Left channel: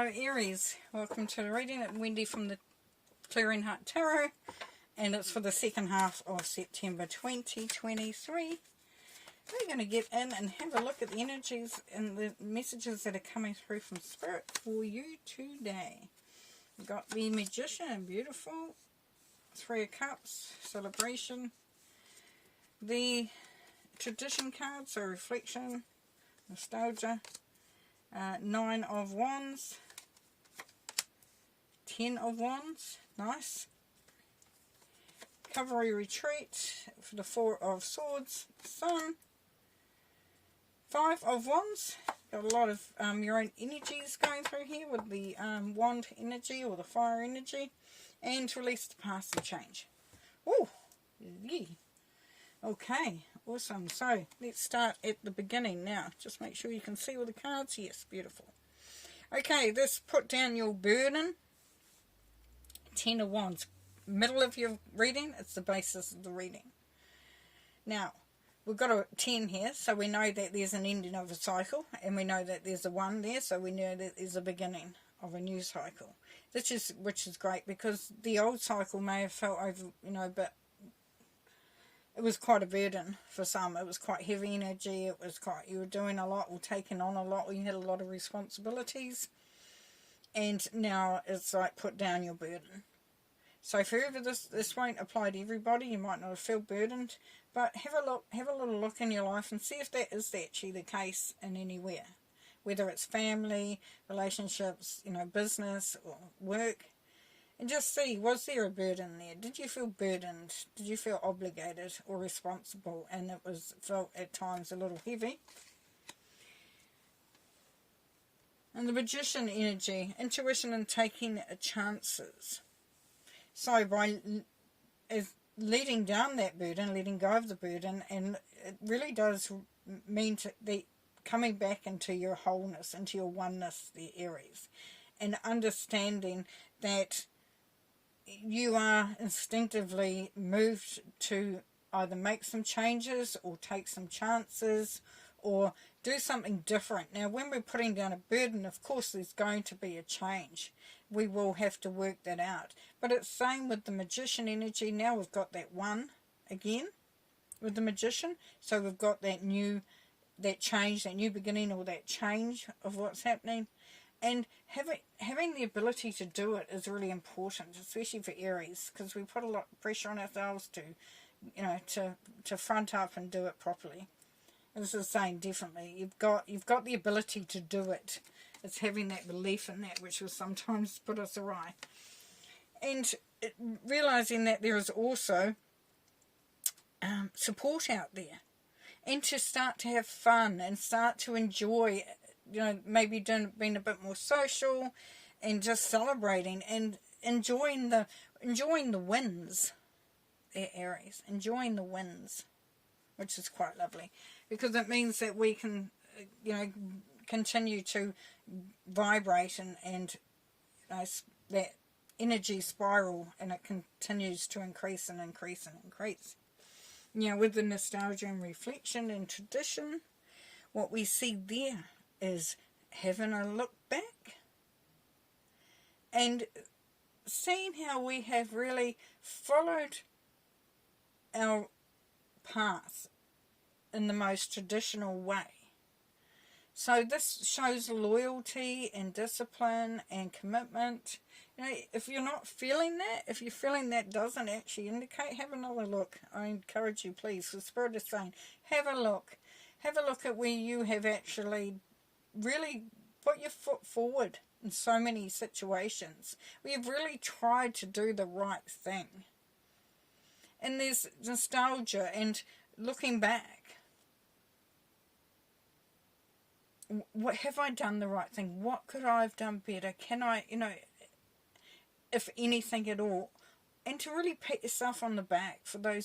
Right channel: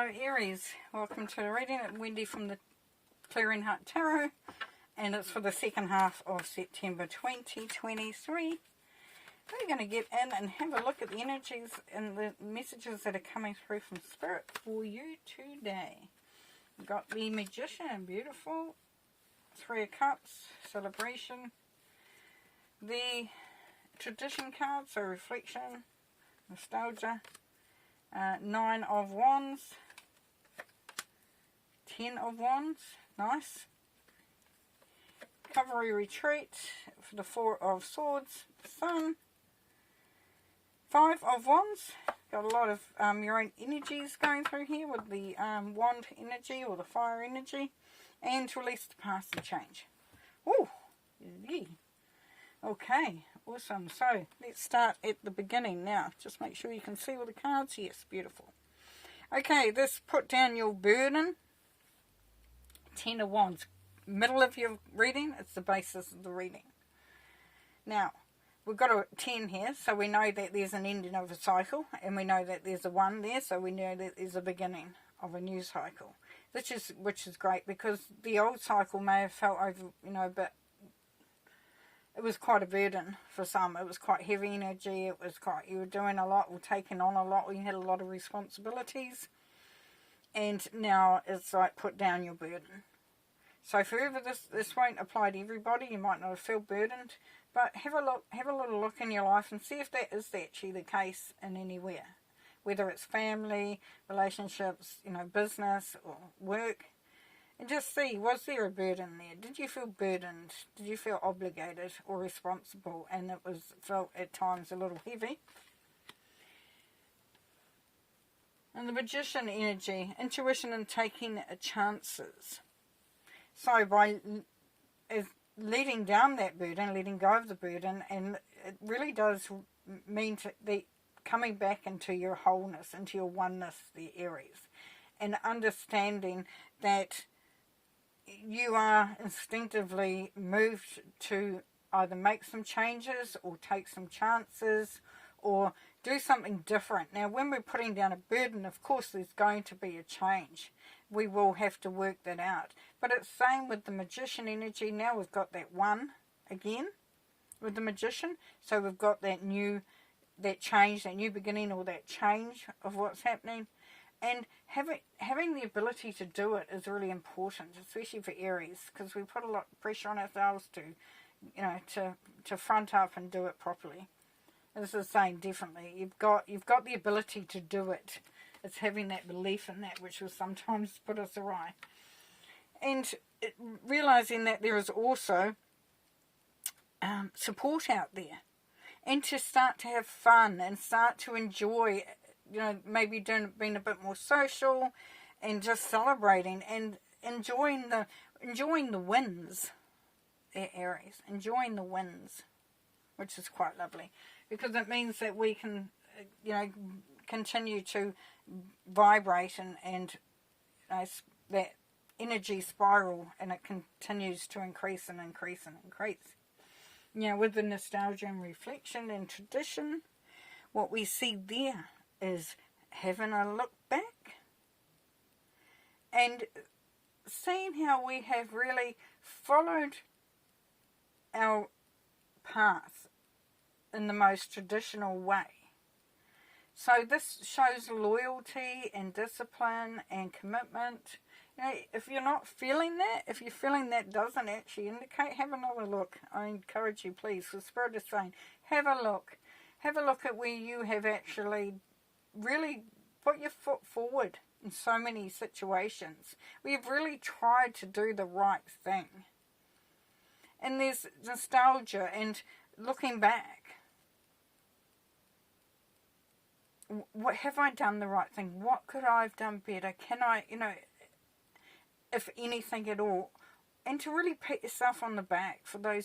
Hello Aries, welcome to the reading. It's Wendy from the Clearing Heart Tarot, and it's for the second half of September 2023. We're going to get in and have a look at the energies and the messages that are coming through from Spirit for you today. We've got the Magician, beautiful. Three of Cups, celebration. The Tradition card, so reflection, nostalgia. 9 of Wands, 10 of Wands, nice. Cavalry retreat for the 4 of Swords, Sun. 5 of Wands, got a lot of your own energies going through here with the wand energy or the fire energy. And release the past and change. Oh, yeah. Okay, awesome. So let's start at the beginning now. Just make sure you can see all the cards. Yes, beautiful. Okay, this put down your burden. 10 of Wands. Middle of your reading, it's the basis of the reading. Now, we've got a 10 here, so we know that there's an ending of a cycle, and we know that there's a 1 there, so we know that there's a beginning of a new cycle. Which is great, because the old cycle may have felt over, but it was quite a burden for some. It was quite heavy energy. It was quite, you were doing a lot, or taking on a lot. You had a lot of responsibilities. And now it's like, put down your burden. So forever, this won't apply to everybody. You might not feel burdened, but have a little look in your life and see if that is actually the case in anywhere. Whether it's family, relationships, business or work. And just see, was there a burden there? Did you feel burdened? Did you feel obligated or responsible? And it felt at times a little heavy. And the Magician energy, intuition and taking chances. So by letting down that burden, letting go of the burden, and it really does mean that coming back into your wholeness, into your oneness, the Aries, and understanding that you are instinctively moved to either make some changes or take some chances or do something different. Now, when we're putting down a burden, of course, there's going to be a change. We will have to work that out. But it's the same with the Magician energy. Now we've got that 1 again with the Magician. So we've got that change, that new beginning, or that change of what's happening. And having the ability to do it is really important, especially for Aries, because we put a lot of pressure on ourselves to front up and do it properly. This is saying definitely you've got the ability to do it. It's having that belief in that which will sometimes put us awry, and realizing that there is also support out there, and to start to have fun and start to enjoy. Maybe being a bit more social and just celebrating and enjoying the wins, Aries. Enjoying the wins, which is quite lovely, because it means that we can, continue to vibrate and that energy spiral, and it continues to increase and increase and increase. With the nostalgia and reflection and tradition, what we see there is having a look back and seeing how we have really followed our path in the most traditional way. So this shows loyalty and discipline and commitment. If you're not feeling that, if you're feeling that doesn't actually indicate, have another look. I encourage you, please. The Spirit is saying, have a look. Have a look at where you have actually really put your foot forward in so many situations. We've really tried to do the right thing. And there's nostalgia and looking back. What have I done the right thing? What could I have done better? Can I, if anything at all? And to really pat yourself on the back for the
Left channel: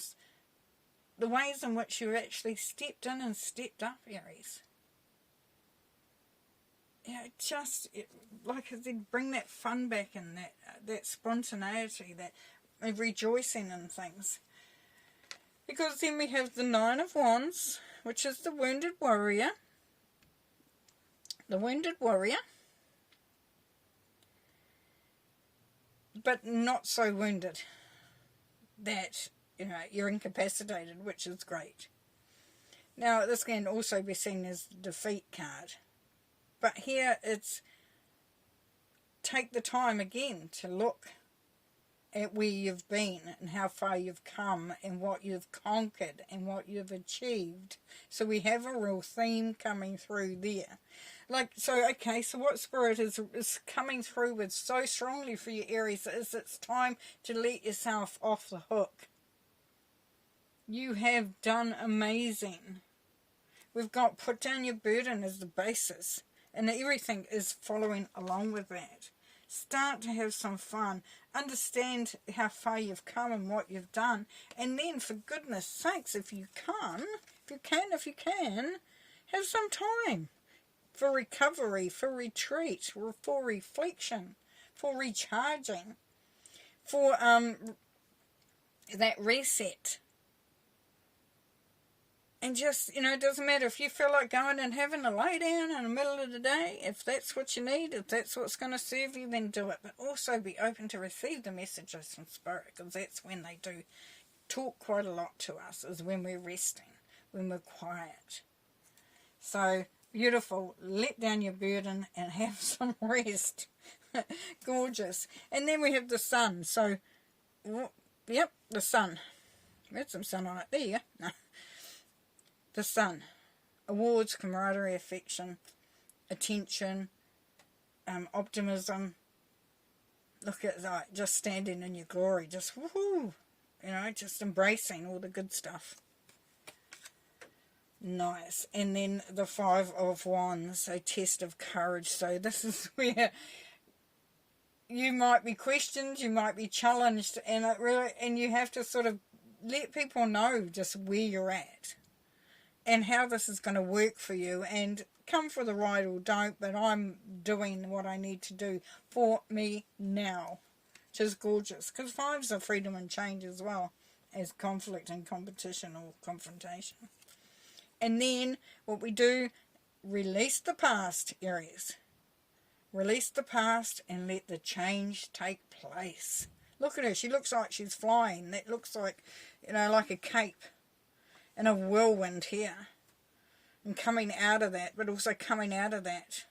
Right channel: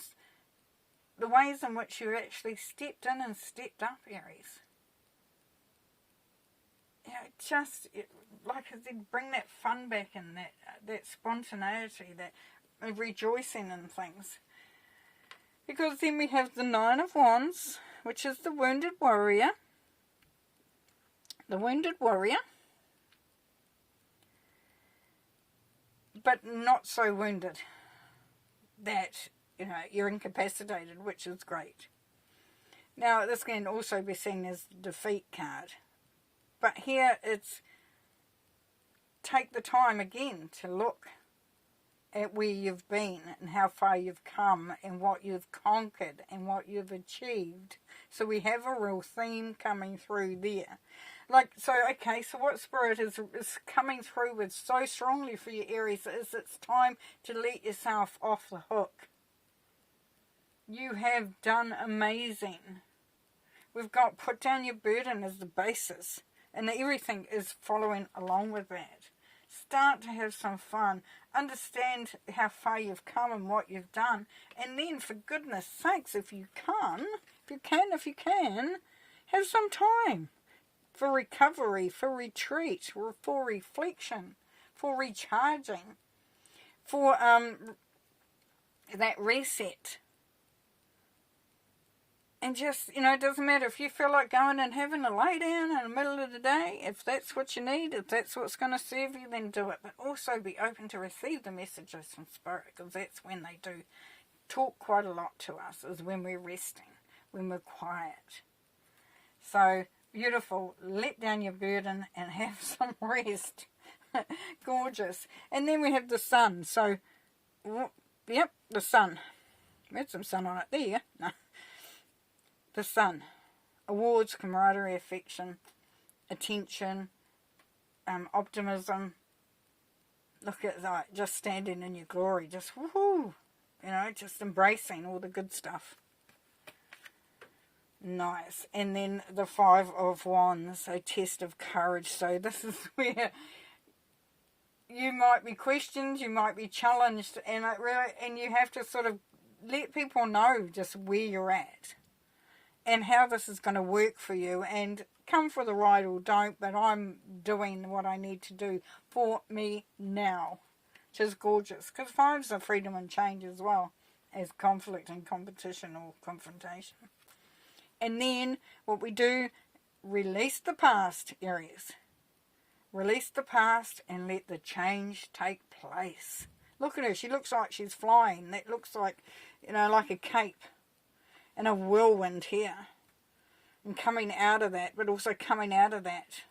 ways in which you actually stepped in and stepped up, Aries. Just, like I said, bring that fun back in, that spontaneity, that rejoicing in things. Because then we have the 9 of Wands, which is the wounded warrior. The wounded warrior. but not so wounded that, you know, you're incapacitated, which is great. Now, this can also be seen as the defeat card. But here it's take the time again to look at where you've been and how far you've come and what you've conquered and what you've achieved. So we have a real theme coming through there. Like, so, okay, so what Spirit is coming through with so strongly for you, Aries, is it's time to let yourself off the hook. You have done amazing. We've got put down your burden as the basis, and everything is following along with that. Start to have some fun. Understand how far you've come and what you've done. And then, for goodness sakes, if you can, have some time for recovery, for retreat, for reflection, for recharging, for that reset. And just, you know, it doesn't matter if you feel like going and having a lay down in the middle of the day. If that's what you need, if that's what's going to serve you, then do it. But also be open to receive the messages from Spirit, because that's when they do talk quite a lot to us, is when we're resting, when we're quiet. So, beautiful. Let down your burden and have some rest. Gorgeous. And then we have the sun. So, yep, the sun. We had some sunlight there. No. The sun. Awards, camaraderie, affection, attention, optimism. Look at that. Just standing in your glory. Just woohoo. You know, just embracing all the good stuff. Nice. And then the 5 of Wands, a test of courage. So this is where you might be questioned, you might be challenged, and it really, and you have to sort of let people know just where you're at and how this is going to work for you, and come for the ride or don't, but I'm doing what I need to do for me now, which is gorgeous, because 5s are freedom and change as well as conflict and competition or confrontation. And then what we do, release the past, Aries. Release the past and let the change take place. Look at her. She looks like she's flying. That looks like, you know, like a cape and a whirlwind here. And coming out of that, but also coming out of that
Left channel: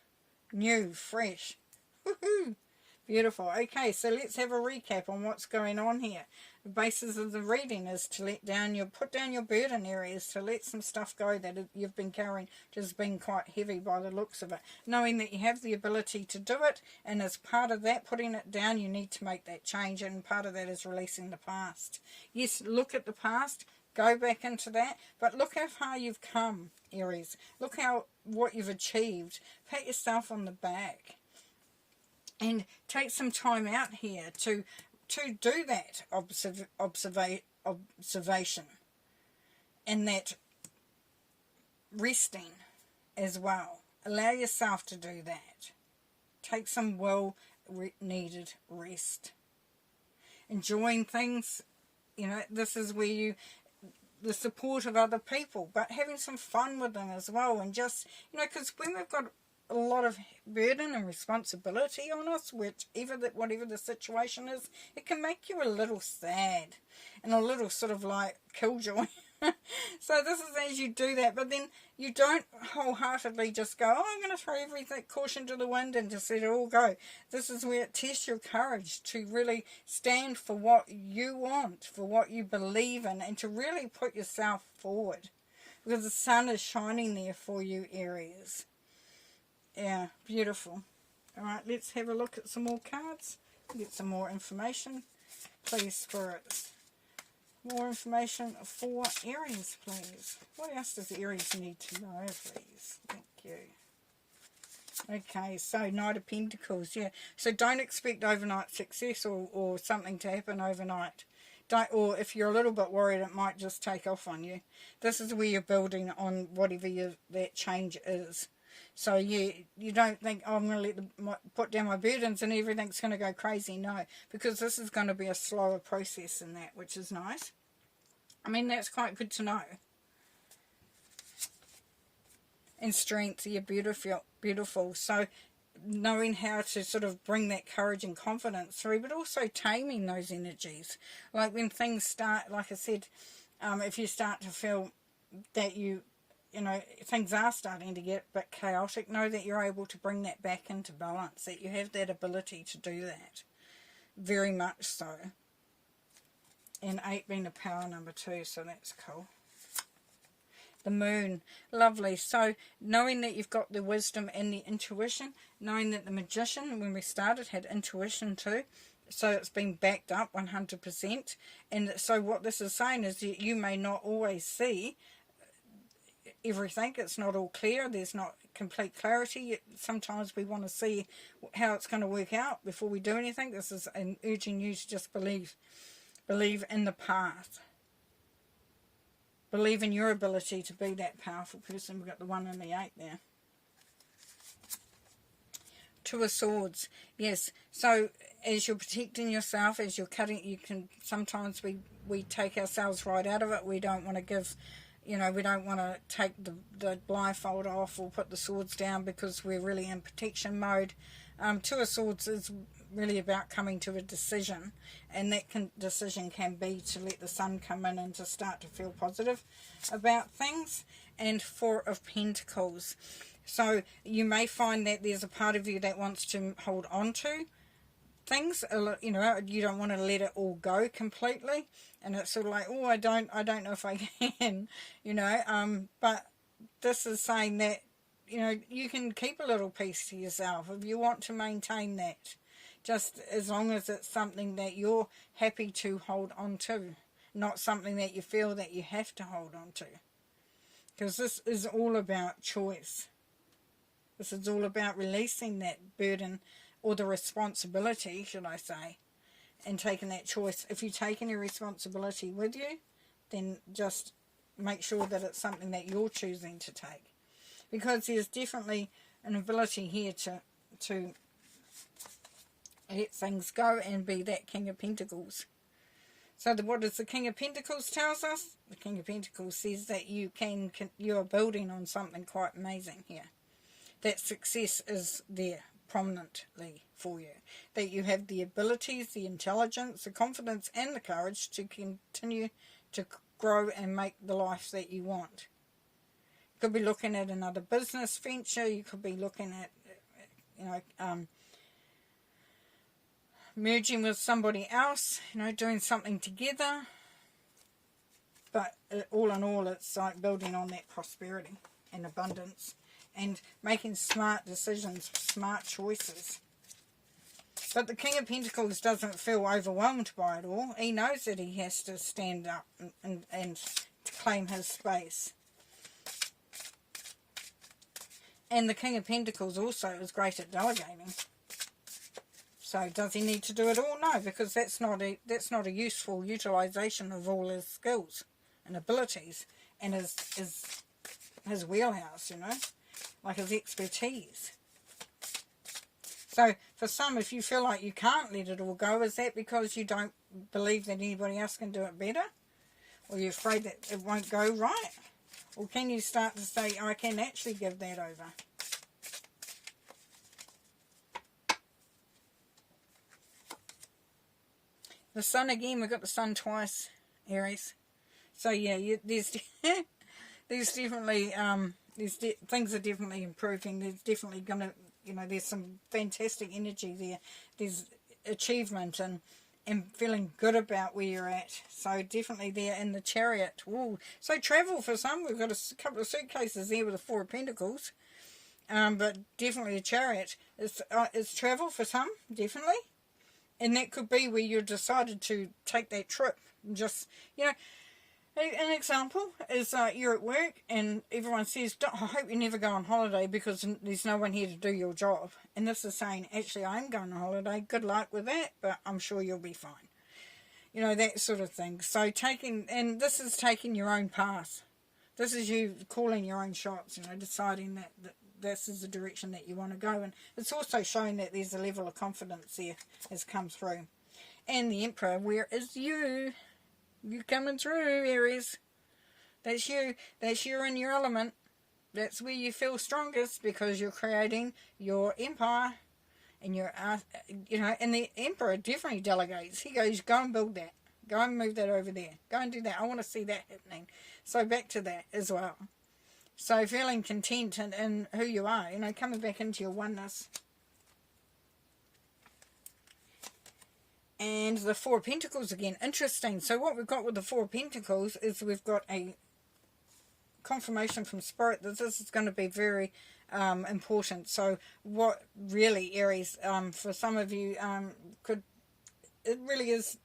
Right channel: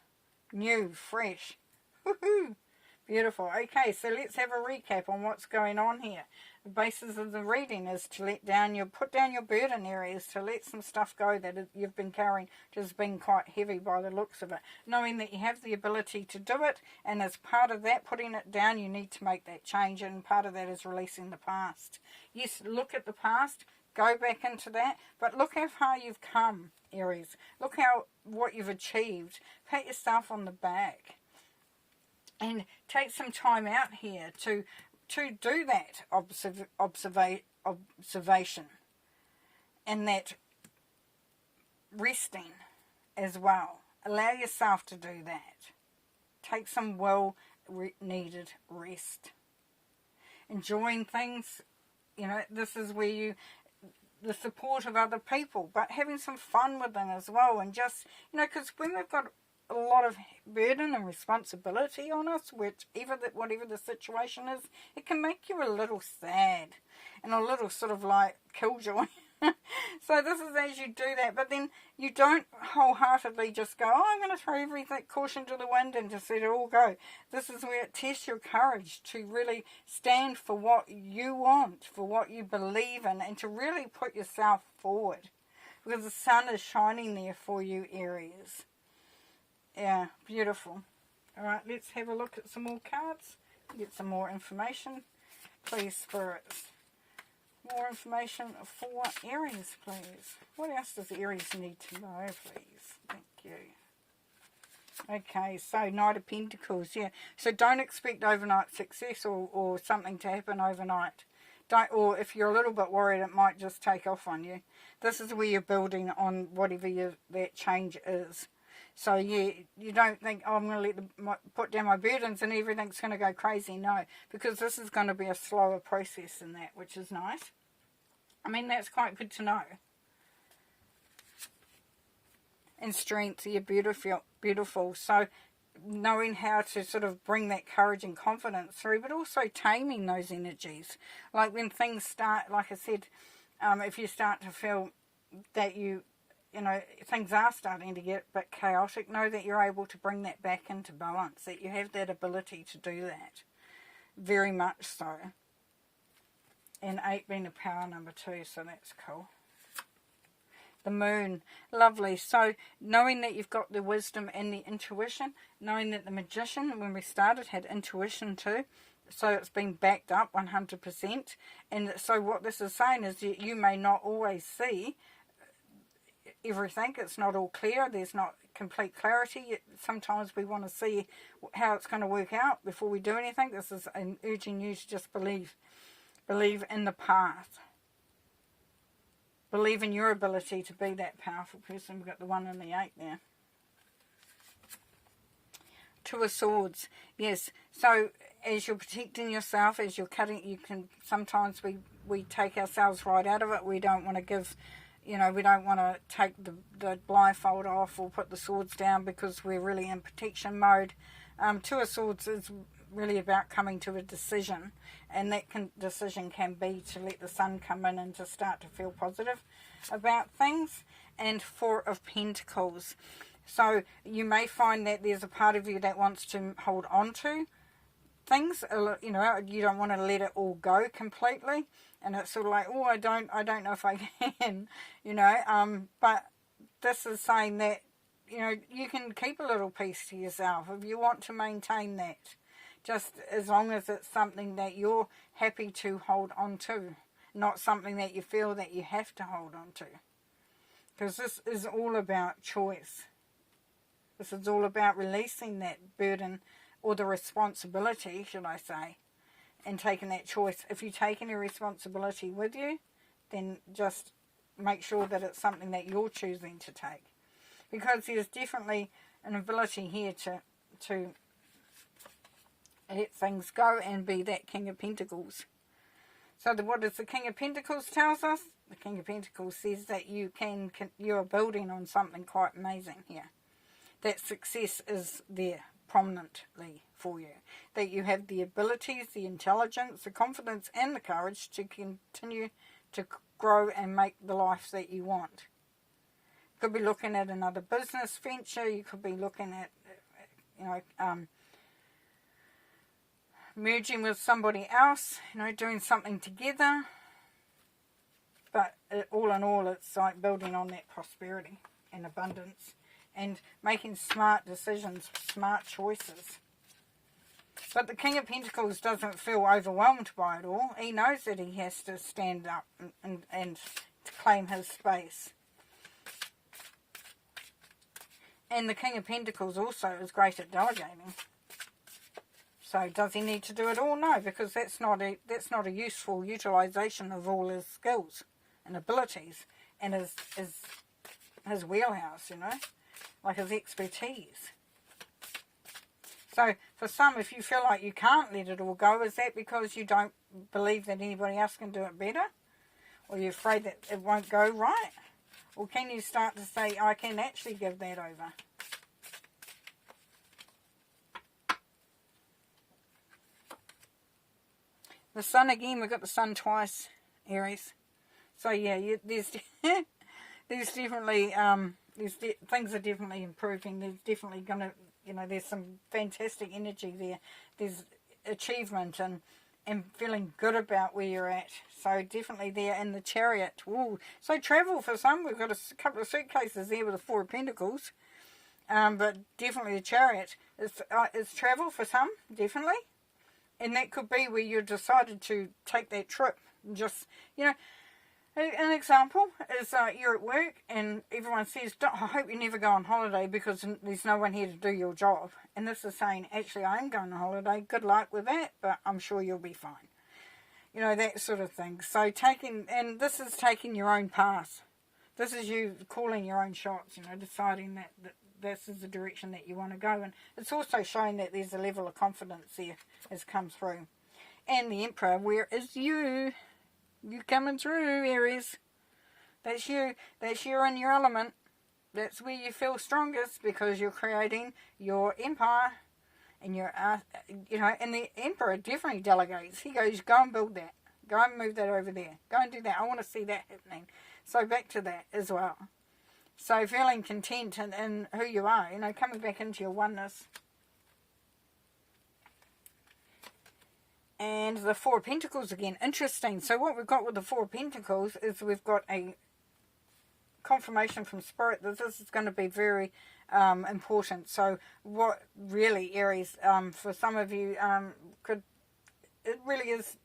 new, fresh. Woohoo! Beautiful. Okay, so let's have a recap on what's going on here. The basis of the reading is to put down your burden, Aries, to let some stuff go that you've been carrying, which has been quite heavy by the looks of it. Knowing that you have the ability to do it, and as part of that, putting it down, you need to make that change, and part of that is releasing the past. Yes, look at the past, go back into that, but look how far you've come, Aries. Look what you've achieved. Pat yourself on the back. And take some time out here to do that observation and that resting as well. Allow yourself to do that. Take some well-needed rest. Enjoying things, you know, this is where the support of other people, but having some fun with them as well, and just, you know, because when we've got a lot of burden and responsibility on us, whatever the situation is, it can make you a little sad and a little sort of like killjoy. So this is as you do that, but then you don't wholeheartedly just go, I'm going to throw everything, caution to the wind, and just let it all go. This is where it tests your courage to really stand for what you want, for what you believe in, and to really put yourself forward, because the sun is shining there for you, Aries. Yeah, beautiful. Alright, let's have a look at some more cards. Get some more information. Please, Spirits. More information for Aries, please. What else does Aries need to know, please? Thank you. Okay, so Knight of Pentacles, yeah. So don't expect overnight success or something to happen overnight. Or if you're a little bit worried, it might just take off on you. This is where you're building on whatever that change is. So yeah, you don't think, oh, I'm going to put down my burdens and everything's going to go crazy. No, because this is going to be a slower process than that, which is nice. I mean, that's quite good to know. And strength, you're beautiful. So knowing how to sort of bring that courage and confidence through, but also taming those energies. Like when things start, like I said, if you start to feel that you know, things are starting to get a bit chaotic, know that you're able to bring that back into balance, that you have that ability to do that. Very much so. And 8 being the power number 2, so that's cool. The moon, lovely. So knowing that you've got the wisdom and the intuition, knowing that the magician, when we started, had intuition too, so it's been backed up 100%. And so what this is saying is that you may not always see everything. It's not all clear. There's not complete clarity. Sometimes we want to see how it's going to work out before we do anything. This is an urging you to just believe in the path. Believe in your ability to be that powerful person. We've got the 1 and the 8 there. 2 of Swords. Yes. So as you're protecting yourself, as you're cutting, you can sometimes we take ourselves right out of it. We don't want to give, you know, we don't want to take the blindfold off or put the swords down because we're really in protection mode. 2 of Swords is really about coming to a decision, and that decision can be to let the sun come in and to start to feel positive about things. And 4 of Pentacles. So you may find that there's a part of you that wants to hold on to things, you know, you don't want to let it all go completely, and it's sort of like, oh, I don't know if I can, you know, but this is saying that, you know, you can keep a little piece to yourself if you want to maintain that, just as long as it's something that you're happy to hold on to, not something that you feel that you have to hold on to, because this is all about choice. This is all about releasing that burden, or the responsibility, should I say, and taking that choice. If you take any responsibility with you, then just make sure that it's something that you're choosing to take. Because there's definitely an ability here to let things go and be that King of Pentacles. So what does the King of Pentacles tells us? The King of Pentacles says that you are building on something quite amazing here. That success is there prominently for you. That you have the abilities, the intelligence, the confidence and the courage to continue to grow and make the life that you want. You could be looking at another business venture. You could be looking at, you know, merging with somebody else, you know, doing something together. But all in all, it's like building on that prosperity and abundance and making smart decisions, smart choices. But the King of Pentacles doesn't feel overwhelmed by it all. He knows that he has to stand up and to claim his space. And the King of Pentacles also is great at delegating. So does he need to do it all? No, because that's not a useful utilization of all his skills and abilities and his wheelhouse, you know, like his expertise. So for some, if you feel like you can't let it all go, is that because you don't believe that anybody else can do it better? Or you're afraid that it won't go right? Or can you start to say, I can actually give that over? The sun again, we've got the sun twice, Aries. So yeah, there's definitely, things are definitely improving. There's definitely going to, you know, there's some fantastic energy there. There's achievement and feeling good about where you're at. So definitely there in the Chariot. Ooh. So travel for some. We've got a couple of suitcases there with the 4 of Pentacles. But definitely the Chariot. It's travel for some, definitely. And that could be where you decided to take that trip. And just, you know, an example is you're at work and everyone says, I hope you never go on holiday because there's no one here to do your job. And this is saying, actually, I am going on holiday. Good luck with that, but I'm sure you'll be fine. You know, that sort of thing. So and this is taking your own path. This is you calling your own shots, you know, deciding that this is the direction that you want to go. And it's also showing that there's a level of confidence there has come through. And the Emperor, where is you? You coming through, Aries. That's you. That's you in your element. that's where you feel strongest, because you're creating your empire. And you're, you know, and the Emperor definitely delegates. He goes, go and build that. Go and move that over there. Go and do that. I want to see that happening. So back to that as well. So feeling content in who you are, you know, coming back into your oneness. And the Four of Pentacles again. Interesting. So what we've got with the Four of Pentacles is we've got a confirmation from Spirit that this is going to be very important. So what really, Aries, for some of you, it really is,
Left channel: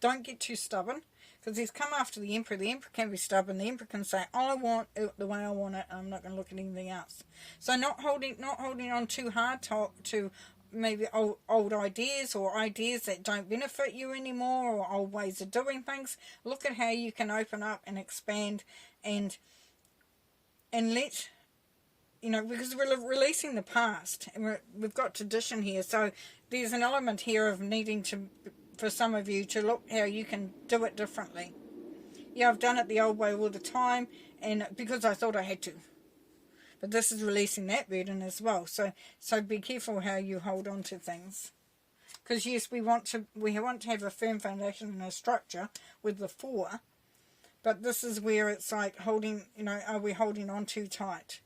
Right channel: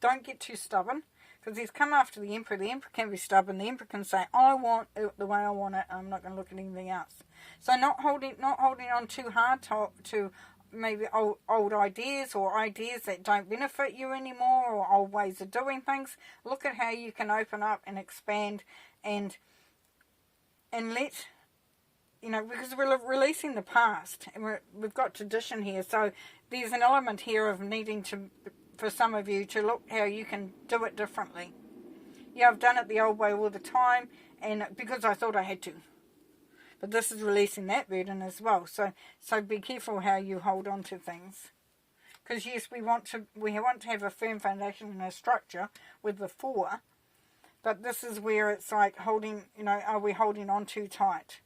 don't get too stubborn, because he's come after the Emperor. The Emperor can be stubborn. The Emperor can say, I want it the way I want it. I'm not going to look at anything else. So not holding on too hard to maybe old ideas, or ideas that don't benefit you anymore, or old ways of doing things. Look at how you can open up and expand and let, you know, because we're releasing the past, and we've got tradition here. So there's an element here of needing to, for some of you, to look how you can do it differently. Yeah, I've done it the old way all the time, and because I thought I had to. But this is releasing that burden as well. So be careful how you hold on to things. Because yes, we want to have a firm foundation and a structure with the Four. But this is where it's like holding, you know, are we holding on too tight?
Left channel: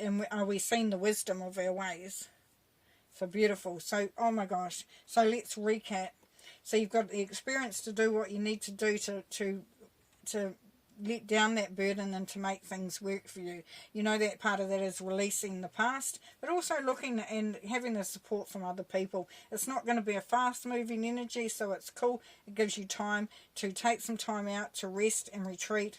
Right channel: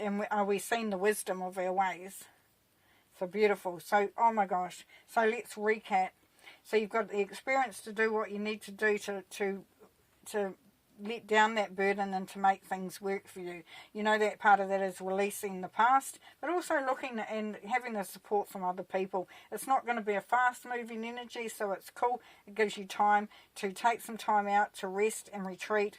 And are we seeing the wisdom of our ways? So beautiful. So, oh my gosh. So let's recap. So you've got the experience to do what you need to do to let down that burden and to make things work for you. You know, that part of that is releasing the past, but also looking and having the support from other people. It's not going to be a fast moving energy, so it's cool. It gives you time to take some time out to rest and retreat,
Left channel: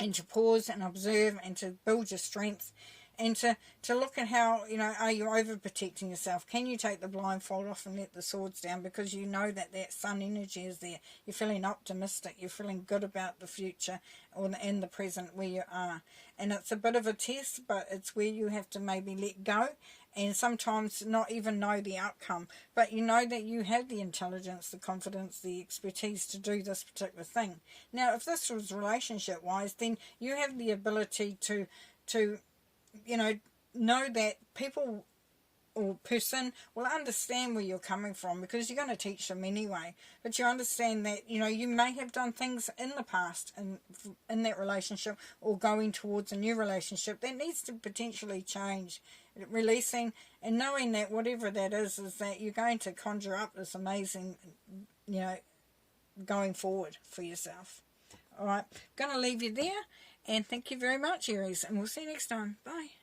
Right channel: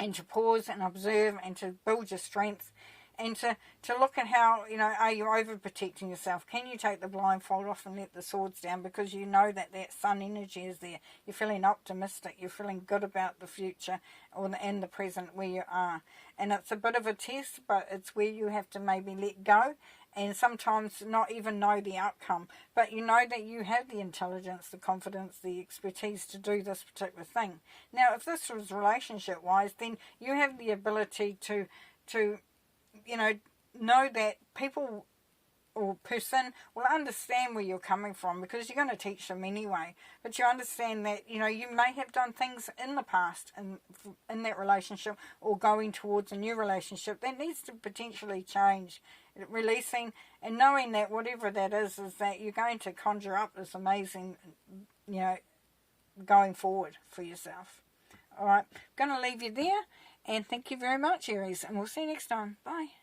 and to pause and observe, and to build your strength, and to look at how, you know, are you overprotecting yourself? Can you take the blindfold off and let the swords down, because you know that sun energy is there. You're feeling optimistic. You're feeling good about the future and the present where you are. And it's a bit of a test, but it's where you have to maybe let go, and sometimes not even know the outcome. But you know that you have the intelligence, the confidence, the expertise to do this particular thing. Now, if this was relationship-wise, then you have the ability to you know that people or person will understand where you're coming from, because you're going to teach them anyway. But you understand that, you know, you may have done things in the past in that relationship, or going towards a new relationship that needs to potentially change. Releasing and knowing that whatever that is that you're going to conjure up this amazing, you know, going forward for yourself. All right, I'm going to leave you there. And thank you very much, Aries. And we'll see you next time. Bye.